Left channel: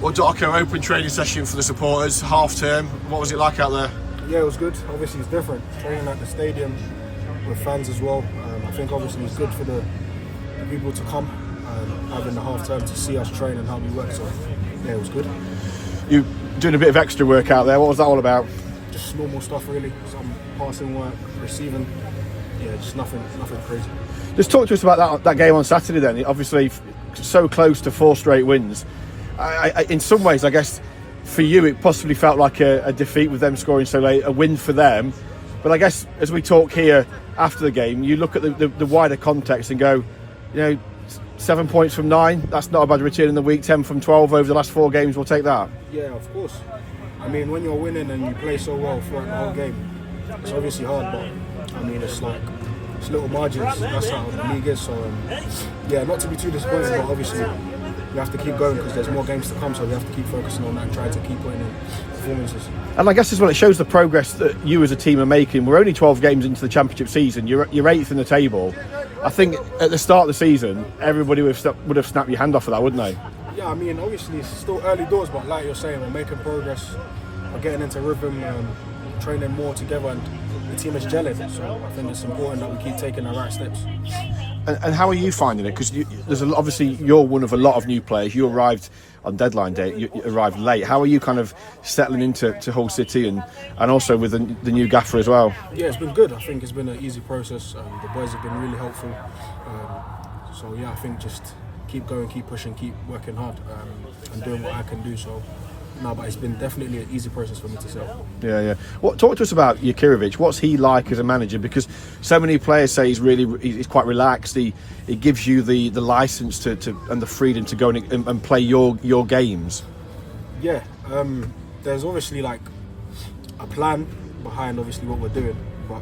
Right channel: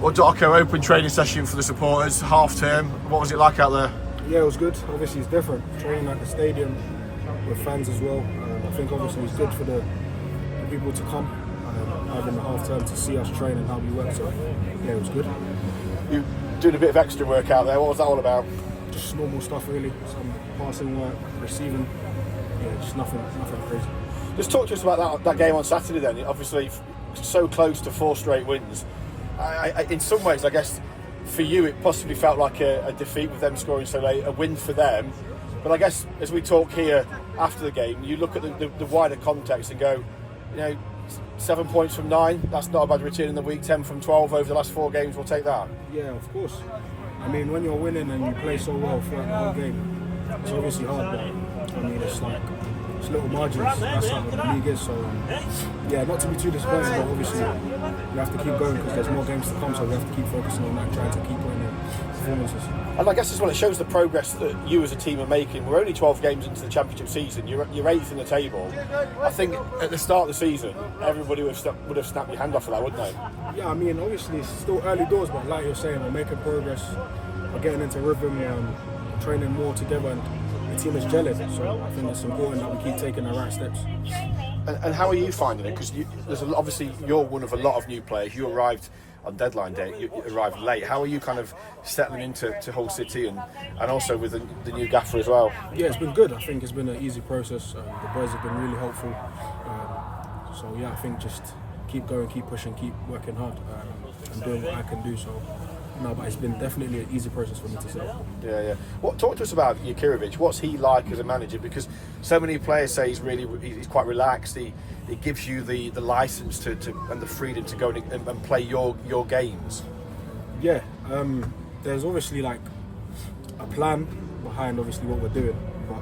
Well, Darko, open training session for the supporters, half term. What was it like out there? Yeah, it was good. Obviously, it's different. Training at the stadium with fans as well. I think obviously it's good for the people to come, having the half term to see us train and how we work. So yeah, it was good. You doing a bit of extra work out there. What was that all about? Just normal stuff, really. Some passing work, receiving. Yeah, just nothing crazy. Just talk to us about that game on Saturday. Then, obviously, so close to 4 straight wins. In some ways, I guess, for you, it possibly felt like a defeat with them scoring so late, a win for them. But I guess as we talk here after the game, you look at the wider context and go, 7 points from 9, that's not a bad return in the week. 10 from 12 over the last 4 games, we'll take that. Yeah, of course. I mean, when you're winning and you play so well throughout the whole game, it's obviously hard, but I mean, it's little margins. That's how the league is. So yeah, not to be too disappointed, but obviously you have to keep going because there's more games to come, so we have to keep focusing on that and trying to keep putting in performances. And I guess as well, it shows the progress that you as a team are making. We're only 12 games into the championship season. You're 8th in the table. I think at the start of the season, everybody would have snapped your hand off of that, wouldn't they? Yeah, I mean, obviously it's still early doors, but like you're saying, we're making progress. We're getting into rhythm, training more together, and the team is gelling. So I think it's important that we keep taking the right steps. And how are you finding it? Because obviously you're one of a lot of new players. You arrived on deadline day. You arrived late. How are you kind of settling into Hull City and also with the new gaffer as well? Yeah, it's been good. I think it's been an easy process. The boys have been really helpful. So yeah, I think just keep going, keep pushing, keep working hard, and doing what I can do. So. No, but it's been definitely an easy process for me to set up. Yeah. Talk to us about Jakirovic. What's he like as a manager? Because so many players say he's quite relaxed. He gives you the license to and the freedom to go and play your games. Yeah, there's obviously like a plan behind obviously what we're doing, but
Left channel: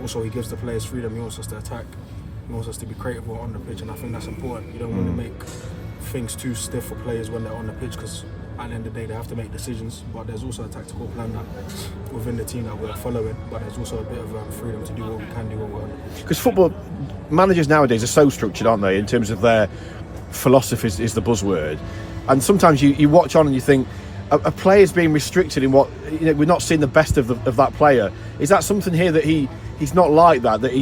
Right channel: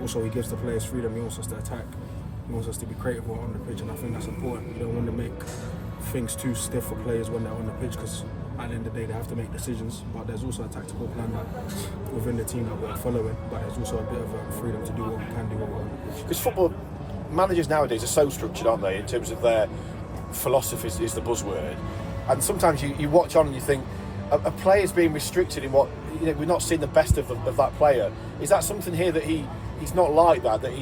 also he gives the players freedom. He wants us to attack. He wants us to be creative on the pitch, and I think that's important. You don't want to make things too stiff for players when they're on the pitch because at the end of the day, they have to make decisions, but there's also a tactical plan that within the team that we're following, but there's also a bit of freedom to do what we can do when we're on the pitch. Because football managers nowadays are so structured, aren't they, in terms of their philosophy is the buzzword. And sometimes you watch on and you think, a player's being restricted in what, we're not seeing the best of that player. Is that something here that he's not like that? That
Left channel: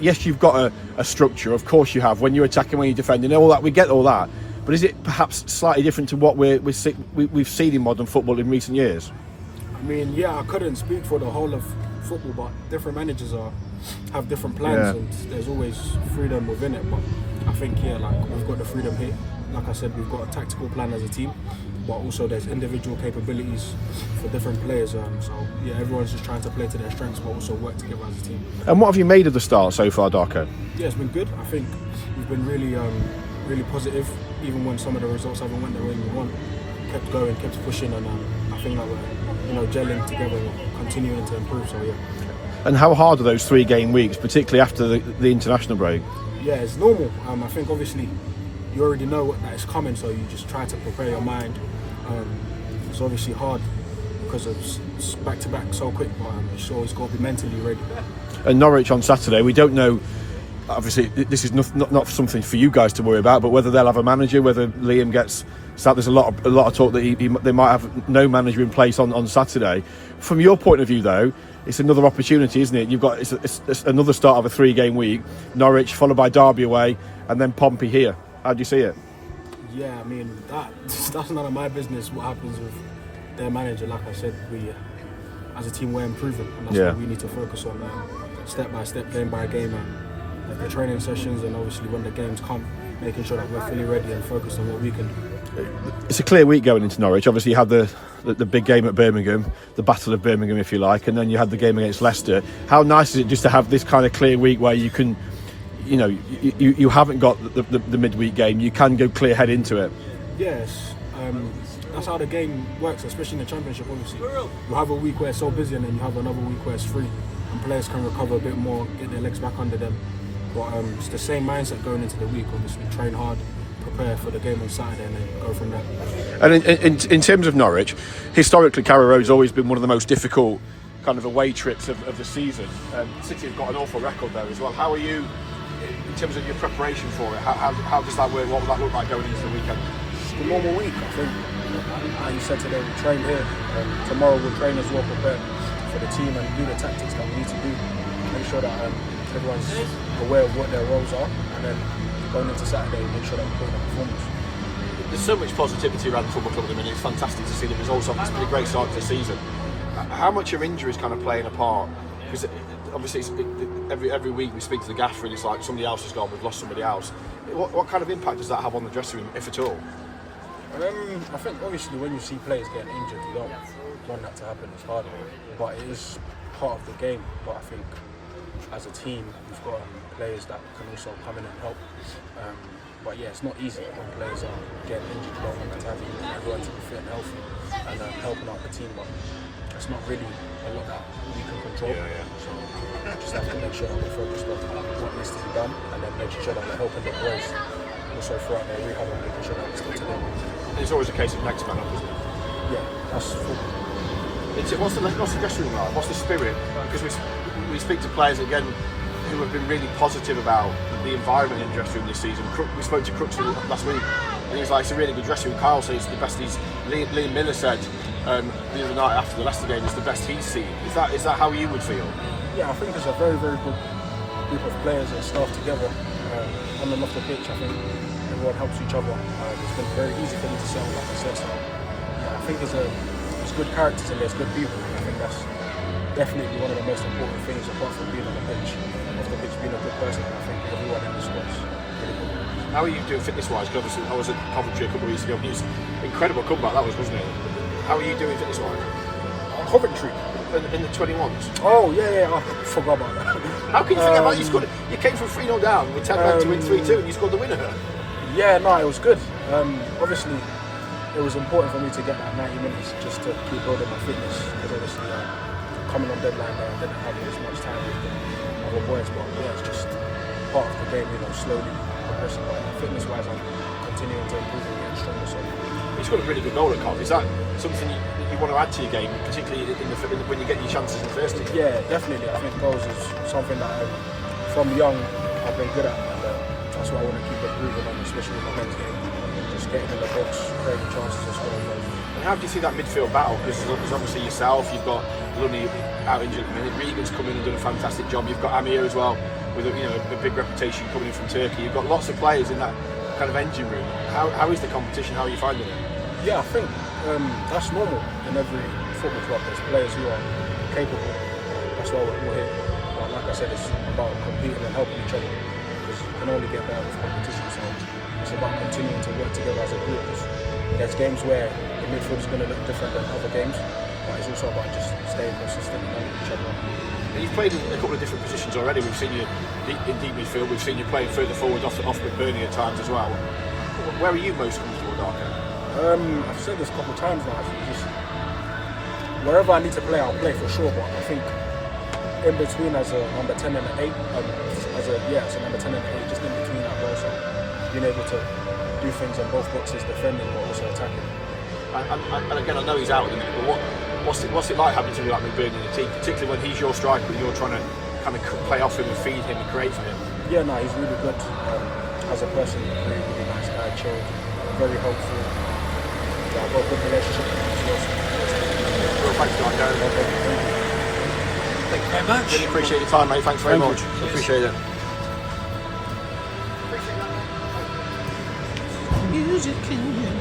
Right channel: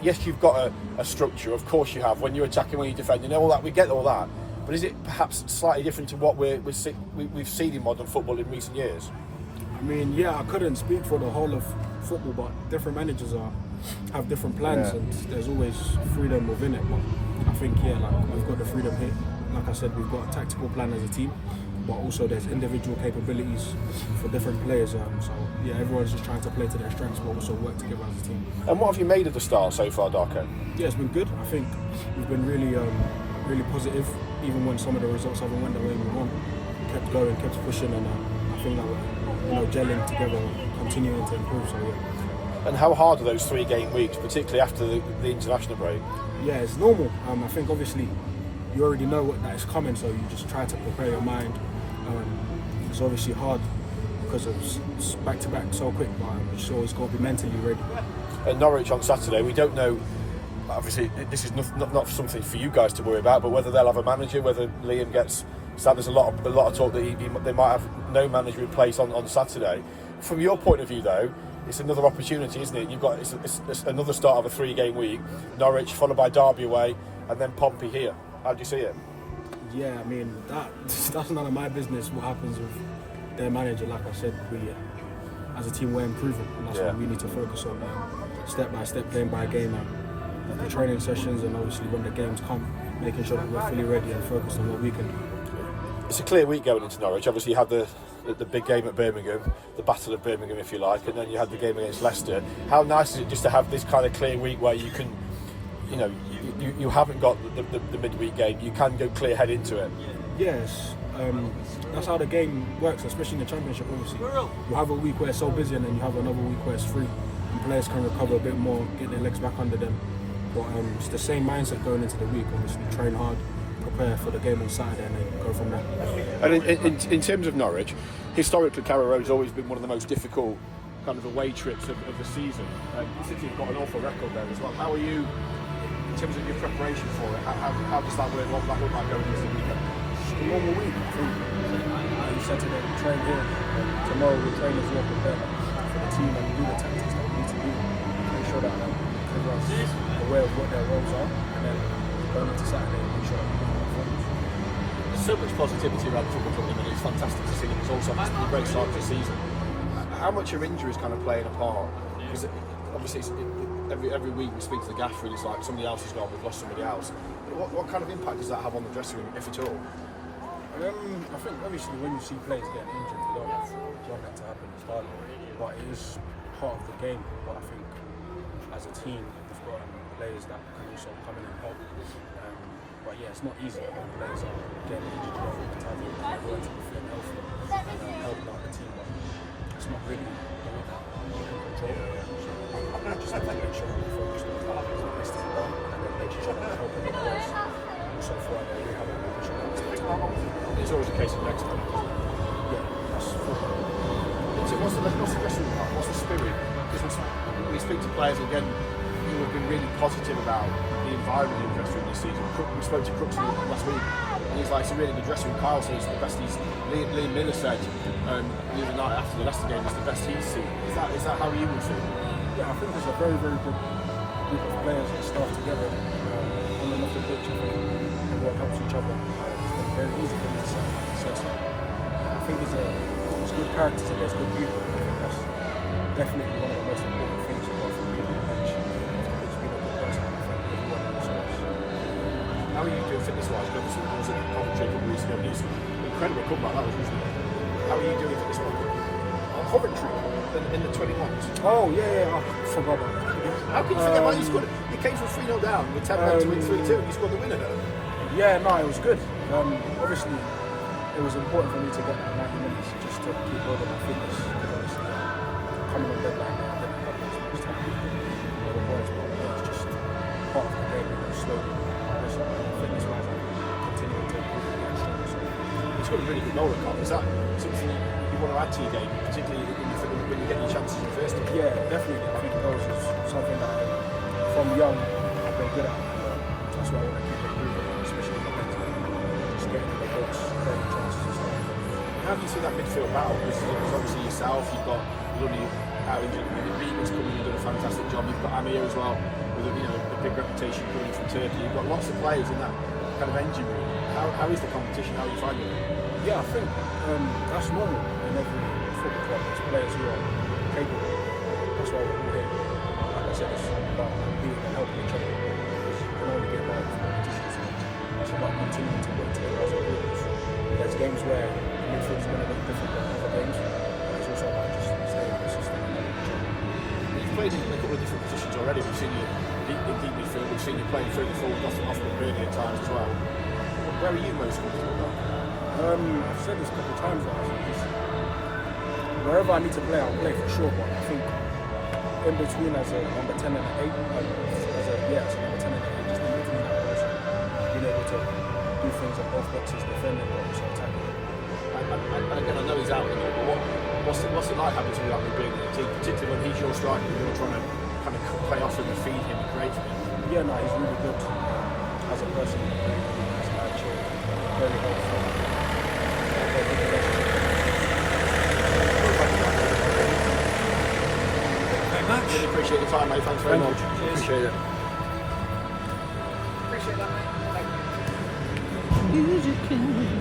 yes, you've got a structure, of course you have, when you're attacking, when you're defending, all that, we get all that. But is it perhaps slightly different to what we've seen in modern football in recent years? I mean, yeah, I couldn't speak for the whole of football, but different managers have different plans, and there's always freedom within it. But I think, we've got the freedom here. Like I said, we've got a tactical plan as a team, but also there's individual capabilities for different players. So yeah, everyone's just trying to play to their strengths, but also work together as a team. And what have you made of the start so far, Darko? Yeah, it's been good. I think we've been really positive. Even when some of the results haven't went the way we want, kept going, kept pushing, and I think that we're gelling together, continuing to improve. So yeah. And how hard are those 3 game weeks, particularly after the international break? Yeah, it's normal. I think obviously you already know that is coming, so you just try to prepare your mind. It's obviously hard because it's back to back so quick, but you always got to be mentally ready. And Norwich on Saturday, we don't know. Obviously, this is not something for you guys to worry about, but whether they'll have a manager, whether Liam gets sacked, there's a lot of talk that they might have no manager in place on Saturday. From your point of view, though, it's another opportunity, isn't it? It's another start of a 3 game week. Norwich followed by Derby away, and then Pompey here. How do you see it? Yeah, I mean that's none of my business. What happens with their manager? Like I said, we as a team we're improving, and that's what we need to focus on, step by step, game by game. The training sessions, and obviously when the games come, making sure that we're fully ready and focused on what we can do. It's a clear week going into Norwich. Obviously you had the big game at Birmingham, the Battle of Birmingham if you like, and then you had the game against Leicester. How nice is it just to have this kind of clear week where you can, you haven't got the midweek game, you can go clear head into it? Yes, that's how the game works, especially in the Championship. Obviously you have a week where it's so busy, and then you have another week where it's free and players can recover a bit more, get their legs back under them. But it's the same mindset going into the week. Obviously, train hard, prepare for the game on Saturday, and then go from there. And in terms of Norwich, historically, Carrow Road's always been one of the most difficult kind of away trips of the season. City have got an awful record there as well. How are you in terms of your preparation for it? How does that work? What does that look like going into the weekend? It's a normal week. I think we said today, we train here. Tomorrow we'll train as well, prepare for the team and do the tactics that we need to do. Make sure that everyone's aware of what their roles are, and then going into Saturday, make sure that we're doing the performance. There's so much positivity around the football club at the minute. It's fantastic to see the results on. It's been a great start to the season. How much are injuries kind of playing a part? Because obviously every week we speak to the gaffer and it's like somebody else has gone, we've lost somebody else. What kind of impact does that have on the dressing room, if at all? I think obviously when you see players getting injured, you don't want that to happen. It's hard, but it is part of the game. But I think as a team, we've got players that can also come in and help. But yeah, it's not easy when players are getting injured. You don't want to have everyone to be fit and healthy and helping out the team. But it's not really a lot that we can control. So I just have to make sure we're focused on what needs to be done and then making sure that we're helping the players. Also throughout the rehab and making sure that we're still doing. There's always a case of next man, isn't it? Yeah, that's What's the dressing room like? What's the spirit? Because we speak to players again who have been really positive about the environment in the dressing room this season. We spoke to Crooks last week, and he was like, it's a really good dressing room. Kyle says it's the best Liam Miller said the other night after the Leicester game, it's the best he's seen. Is that how you would feel? Yeah, I think it's a very, very good group of players and staff together. On and off the pitch, I think everyone helps each other. It's been very easy for me to set up success. I think there's good characters and there's good people. I think that's definitely one of the most important things apart from being on the pitch. Off the pitch, being a good person, I think everyone understands. How are you doing fitness-wise? Obviously, I was at Coventry a couple of weeks ago. It was an incredible comeback, that was, wasn't it? How are you doing fitness-wise? Coventry? In the 21s? Oh, yeah, I forgot about that. How can you think about it? You came from 3-0 down with 10 men to win 3-2 and you scored the winner. Yeah, no, it was good. Obviously, it was important for me to get that 90 minutes just to keep building my fitness. Because obviously, coming on deadline, I didn't have as much time with the boys, but yeah, it's just part of the game, slowly. Fitness-wise, I'm continuing to improve and get stronger. So. He's got a really good goal at Cov. Is that something you want to add to your game, particularly when you get your chances in the first team? Yeah, definitely. I think goals is something that from young I've been good at. That's why I want to keep improving, especially in the next game. Just getting in the box, creating chances as well. How do you see that midfield battle? Because obviously yourself, you've got Lunny out injured. Regan's coming and doing a fantastic job. You've got Amir as well, with a big reputation coming from Turkey. You've got lots of players in that kind of engine room. How is the competition? How are you finding it? Yeah, I think that's normal in every football club. There's players who are capable. That's why we're here. Like I said, it's about competing and helping each other. Because you can only get better with competition. So it's about continuing to work together as a group. There's games where the midfield is going to look different than other games. It's also about just staying consistent and helping each other. You've played in a couple of different positions already. We've seen you in deep midfield. We've seen you playing further forward, off McBurney at times as well. Where are you most comfortable now? I've said this a couple of times now. Wherever I need to play, I'll play for sure. But I think in between as a number 10 and an 8, as a number 10 and an 8, just in between that also being able to do things on both boxes, defending and also attacking. And again, I know he's out at the minute, but what's it like having to be like McBurney in the team, particularly when he's your striker and you're trying to kind of play off him and feed him and create for him? Yeah, no, he's really good as a person. He's chill, very helpful. Thank you very much. Really appreciate your time, mate. Thanks very much. Appreciate it. Appreciate that, mate. Music in your